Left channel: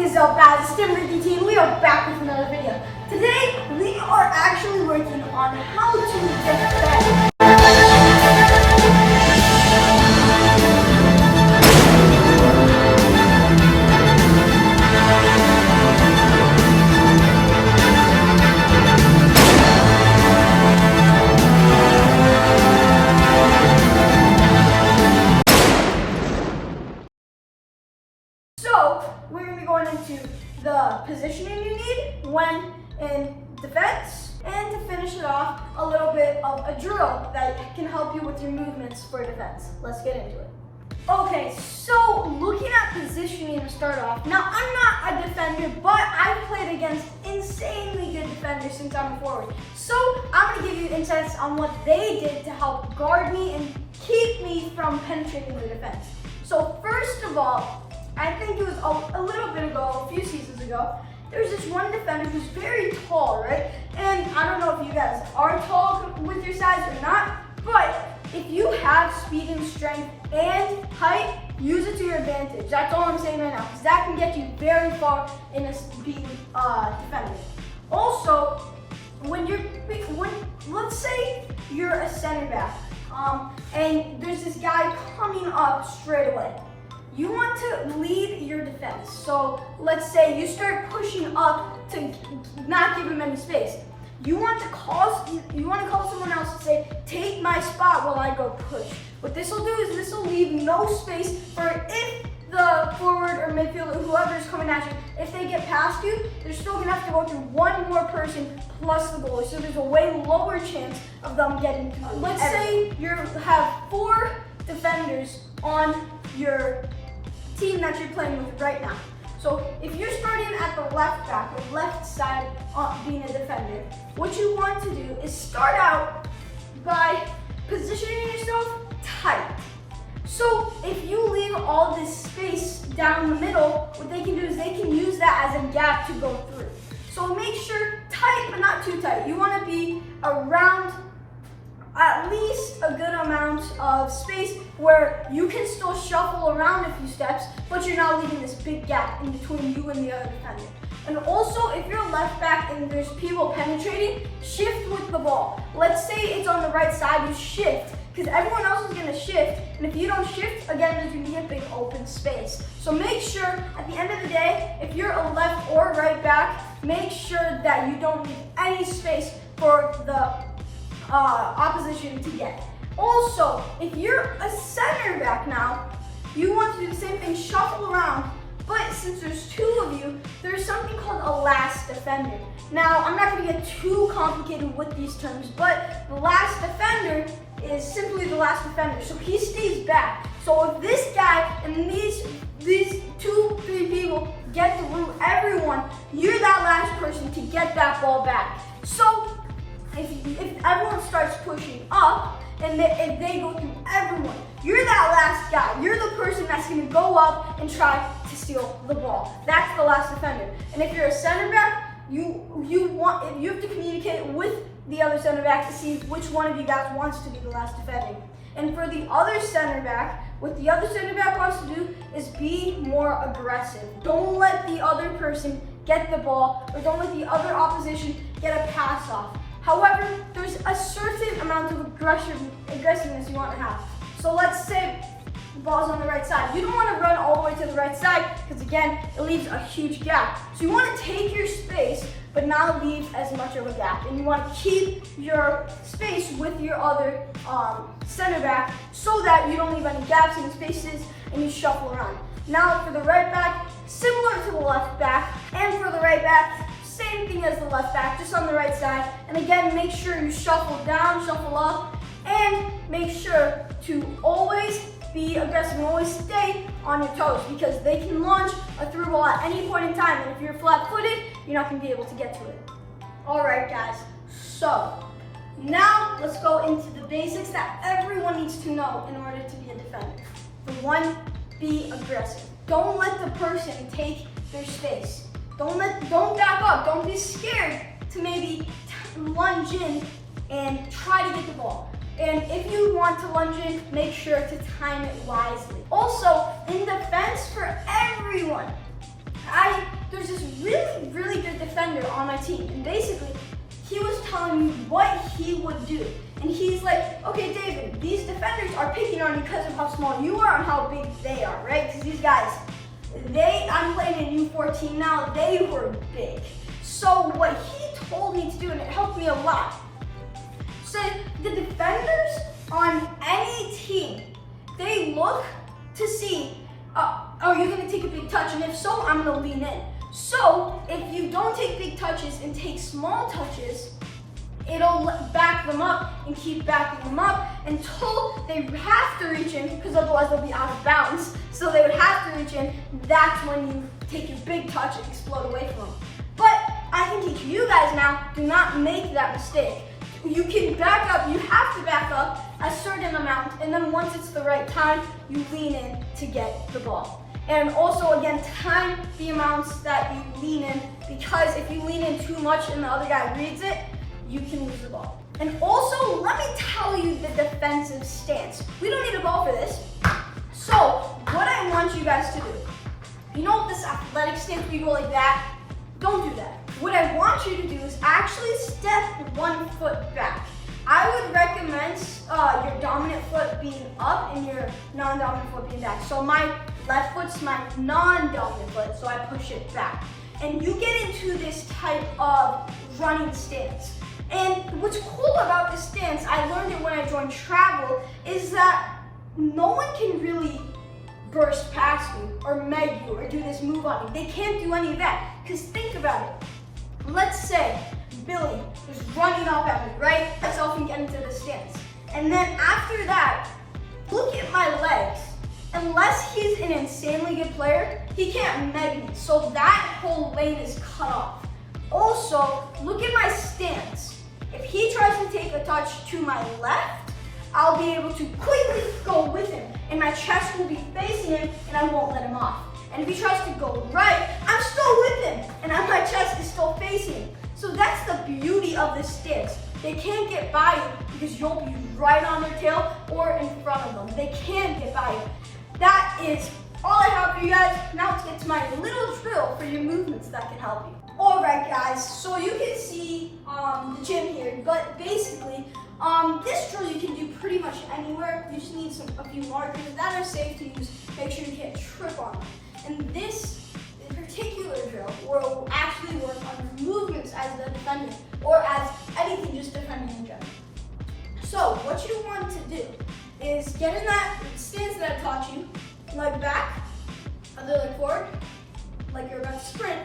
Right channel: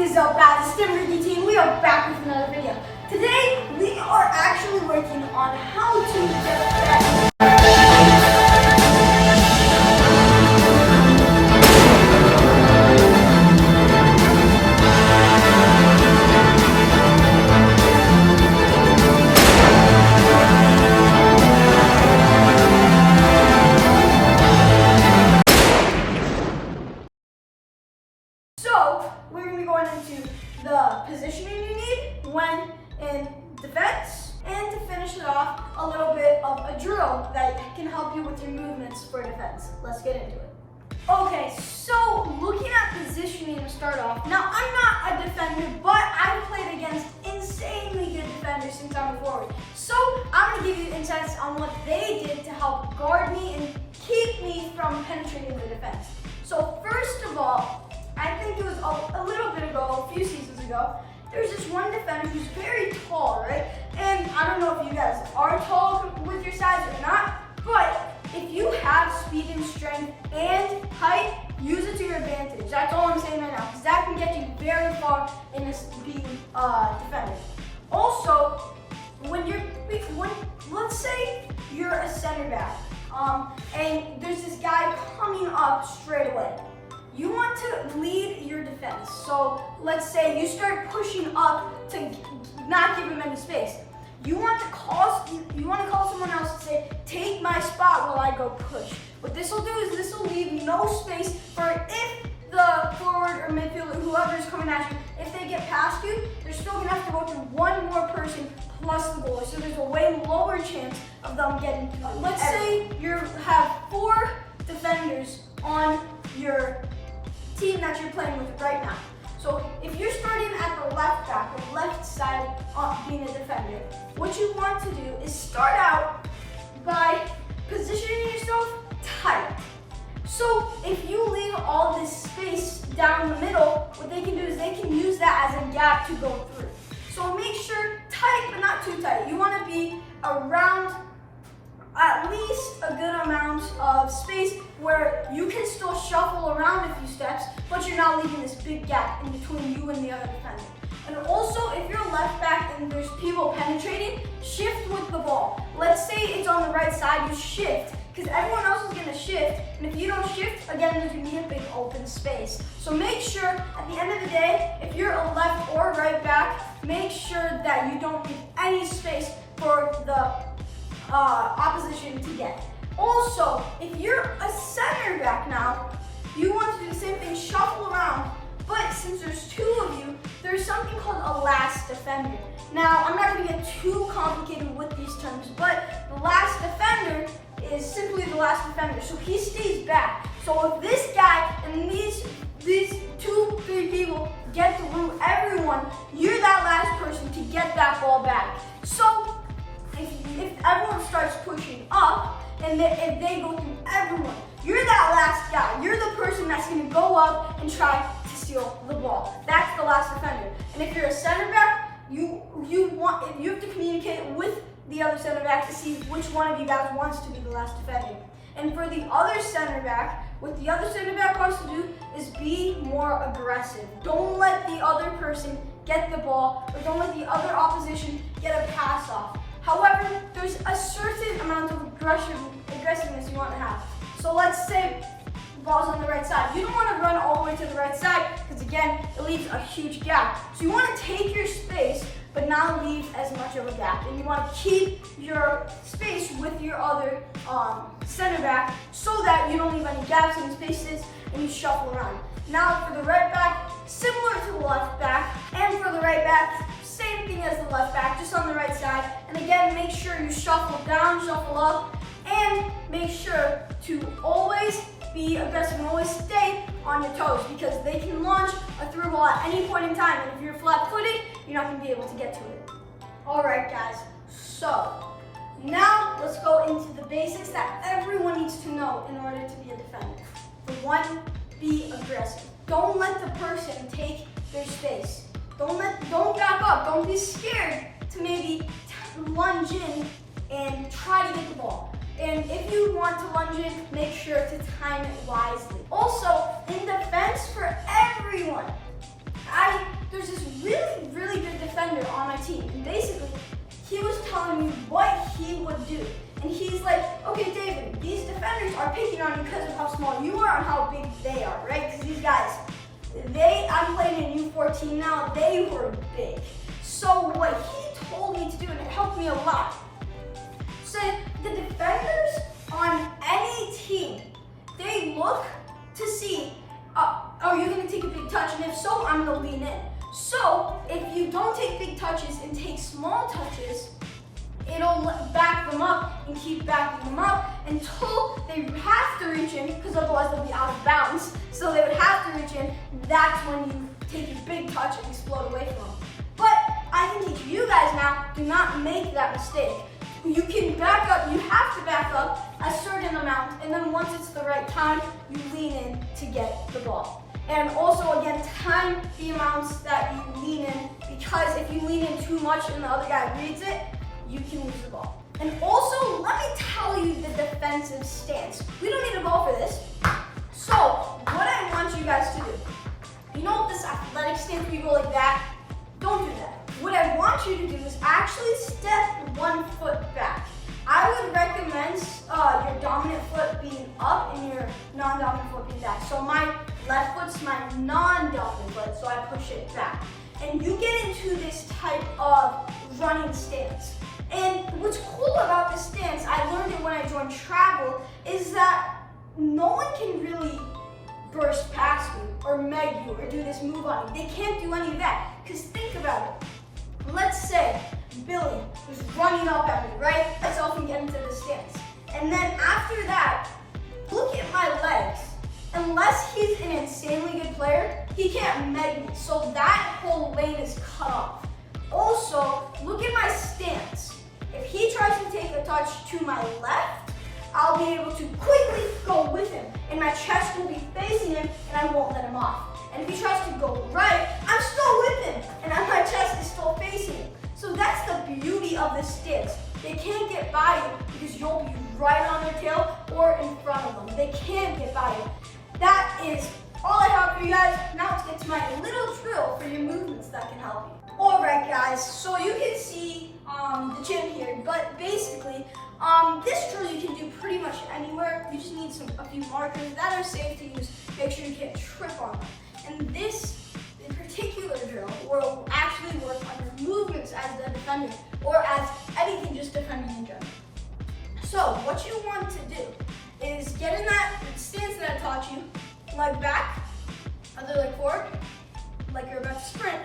is up, guys? It's Tim Ricky Team. We are back with another video. Today, we are actually working on how to defend. So, we're going to be going into the positioning you need when in defense, and to finish it off, a little bit of a drill that can help you with your movements for defense. Let's get into it. Okay, so looking at positioning to start off, now I'm not a defender, but I've played against insanely good defenders since I'm a forward. So I'm going to give you insights on what they did to help guard me and keep me from penetrating the defense. So first of all, I think it was a little bit ago, a few seasons ago, there's this one defender who's very tall, right? And I don't know if you guys are tall with your size or not, but if you have speed and strength and height, use it to your advantage. That's all I'm saying right now, because that can get you very far in a speed defender. Also, let's say you're a center back, and there's this guy coming up straight away. You want to lead your defense. So let's say you start pushing up to not give him any space. You want to call someone else and say, take my spot while I go push. What this will do is this will leave no space for if the forward or midfielder, whoever is coming at you, if they get past you, they're still gonna have to go through one more person plus the goalie. So there's a way lower chance of them getting to you. Let's say you have 4 defenders on your team that you're playing with right now. So if you're starting at the left back or left side being a defender, what you want to do is start out by positioning yourself tight. So if you leave all this space down the middle, what they can do is they can use that as a gap to go through. So make sure tight, but not too tight. You want to be around at least a good amount of space where you can still shuffle around a few steps, but you're not leaving this big gap in between you and the other defender. And also, if you're left back and there's people penetrating, shift with the ball. Let's say it's on the right side, you shift, because everyone else is going to shift, and if you don't shift, again, there's going to be a big open space. So make sure, at the end of the day, if you're a left or right back, make sure that you don't leave any space for the opposition to get. Also, if you're a center back now, you want to do the same thing, shuffle around, but since there's 2 of you, there's something called a last defender. Now, I'm not going to get too complicated with these terms, but the last defender is simply the last defender, so he stays back. So if this guy and these 2-3 people get through everyone, you're that last person to get that ball back. So if everyone starts pushing up, and if they go through everyone, you're that last guy. You're the person that's going to go up and try to steal the ball. That's the last defender. And if you're a center back, you have to communicate with the other center back to see which one of you guys wants to be the last defender. And for the other center back, what the other center back wants to do is be more aggressive. Don't let the other person get the ball, or don't let the other opposition get a pass off. However, there's a certain amount of aggressiveness you want to have. So let's say the ball's on the right side. You don't want to run all the way to the right side because, again, it leaves a huge gap. So you want to take your space but not leave as much of a gap. And you want to keep your space with your other center back so that you don't leave any gaps in spaces and you shuffle around. Now for the right back, similar to the left back, and for the right back, same thing as the left back, just on the right side. And again, make sure you shuffle down, shuffle up, and make sure to always be aggressive and always stay on your toes, because they can launch a through ball at any point in time, and if you're flat-footed, you're not going to be able to get to it. All right, guys, so now let's go into the basics that everyone needs to know in order to be a defender. For one, be aggressive. Don't let the person take their space. Don't back up. Don't be scared to maybe lunge in and try to get the ball. And if you want to lunge in, make sure to time it wisely. Also, in defense for everyone, I there's this really, really good defender on my team. And basically, he was telling me what he would do. And he's like, okay, David, these defenders are picking on you because of how small you are and how big they are, right? Because these guys, I'm playing in U14 now, they were big. So what he told me to do, and it helped me a lot, said the defenders on any team, they look to see, are you going to take a big touch? And if so, I'm going to lean in. So if you don't take big touches and take small touches, it'll back them up and keep backing them up until they have to reach in, because otherwise they'll be out of bounds. So they would have to reach in. That's when you take your big touch and explode away from them. But I can teach you guys now, do not make that mistake. You can back up, you have to back up a certain amount, and then once it's the right time, you lean in to get the ball. And also, again, time the amounts that you lean in, because if you lean in too much and the other guy reads it, you can lose the ball. And also, let me tell you the defensive stance. We don't need a ball for this. So, what I want you guys to do, you know this athletic stance, you go like that? Don't do that. What I want you to do is actually step 1 foot back. I would recommend your dominant foot being up and your non-dominant foot being back. So my left foot's my non-dominant foot, so I push it back. And you get into this type of running stance. And what's cool about this stance, I learned it when I joined travel, is that no one can really burst past me or meg you or do this move on you. They can't do any of that. Because think about it. Let's say Billy is running up at me, right? Myself and get into the stance. And then after that, look at my legs. Unless he's an insanely good player, he can't meg me. So that whole lane is cut off. Also, look at my stance. If he tries to take a touch to my left, I'll be able to quickly go with him. And my chest will be facing him and I won't let him off. And if he tries to go right, I'm still with him. And my chest is still facing him. So that's the beauty of this stance. They can't get by you because you'll be right on their tail or in front of them. They can't get by you. That is all I have for you guys. Now let's get to my little drill for your movements that can help you. Alright guys, so you can see the gym here, but basically, this drill you can do pretty much anywhere. You just need a few markers that are safe to use. Make sure you can't trip on them. And this particular drill will actually work on your movements as the defender, or as anything just defending in general. So what you want to do is get in that stance that I taught you, leg back, other leg forward, like you're about to sprint.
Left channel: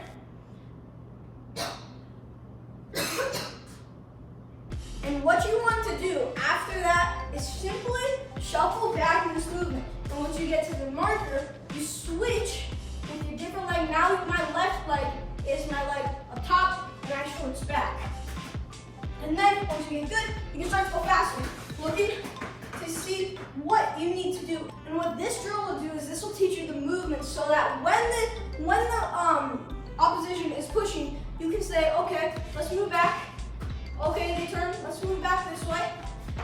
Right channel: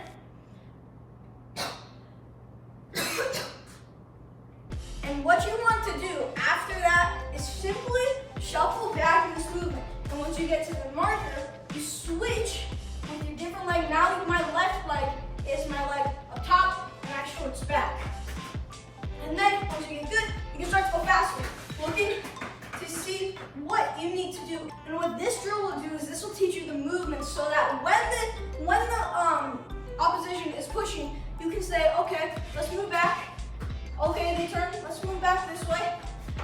And what you want to do after that is simply shuffle back in this movement. And once you get to the marker, you switch with your different leg. Now my left leg is my leg up top, and I switch back. And then once you get good, you can start to go faster. Looking to see what you need to do. And what this drill will do is this will teach you the movement so that when the opposition is pushing, you can say, okay, let's move back. Okay, they turn, let's move back this way.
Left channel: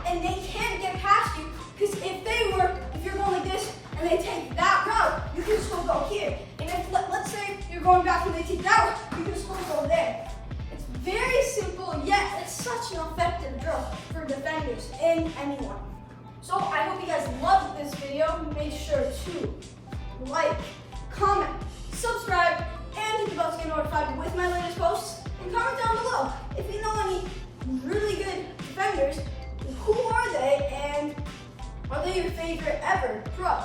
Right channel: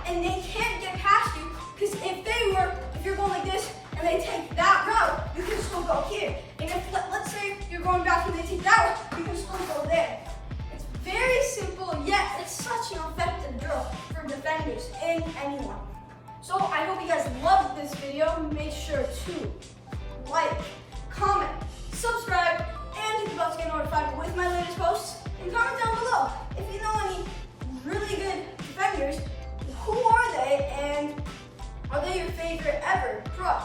And they can't get past you, because if you're going like this and they take that route, you can still go here. And if, let's say you're going back and they take that route, you can still go there. It's very simple, yet it's such an effective drill for defenders and anyone. So I hope you guys loved this video. Make sure to like, comment, subscribe, and hit the bell to get notified with my latest posts. And comment down below if you know any really good defenders. Who are they, and are they your favorite ever pro?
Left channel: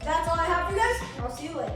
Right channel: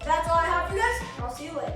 That's all I have for you guys. I'll see you later.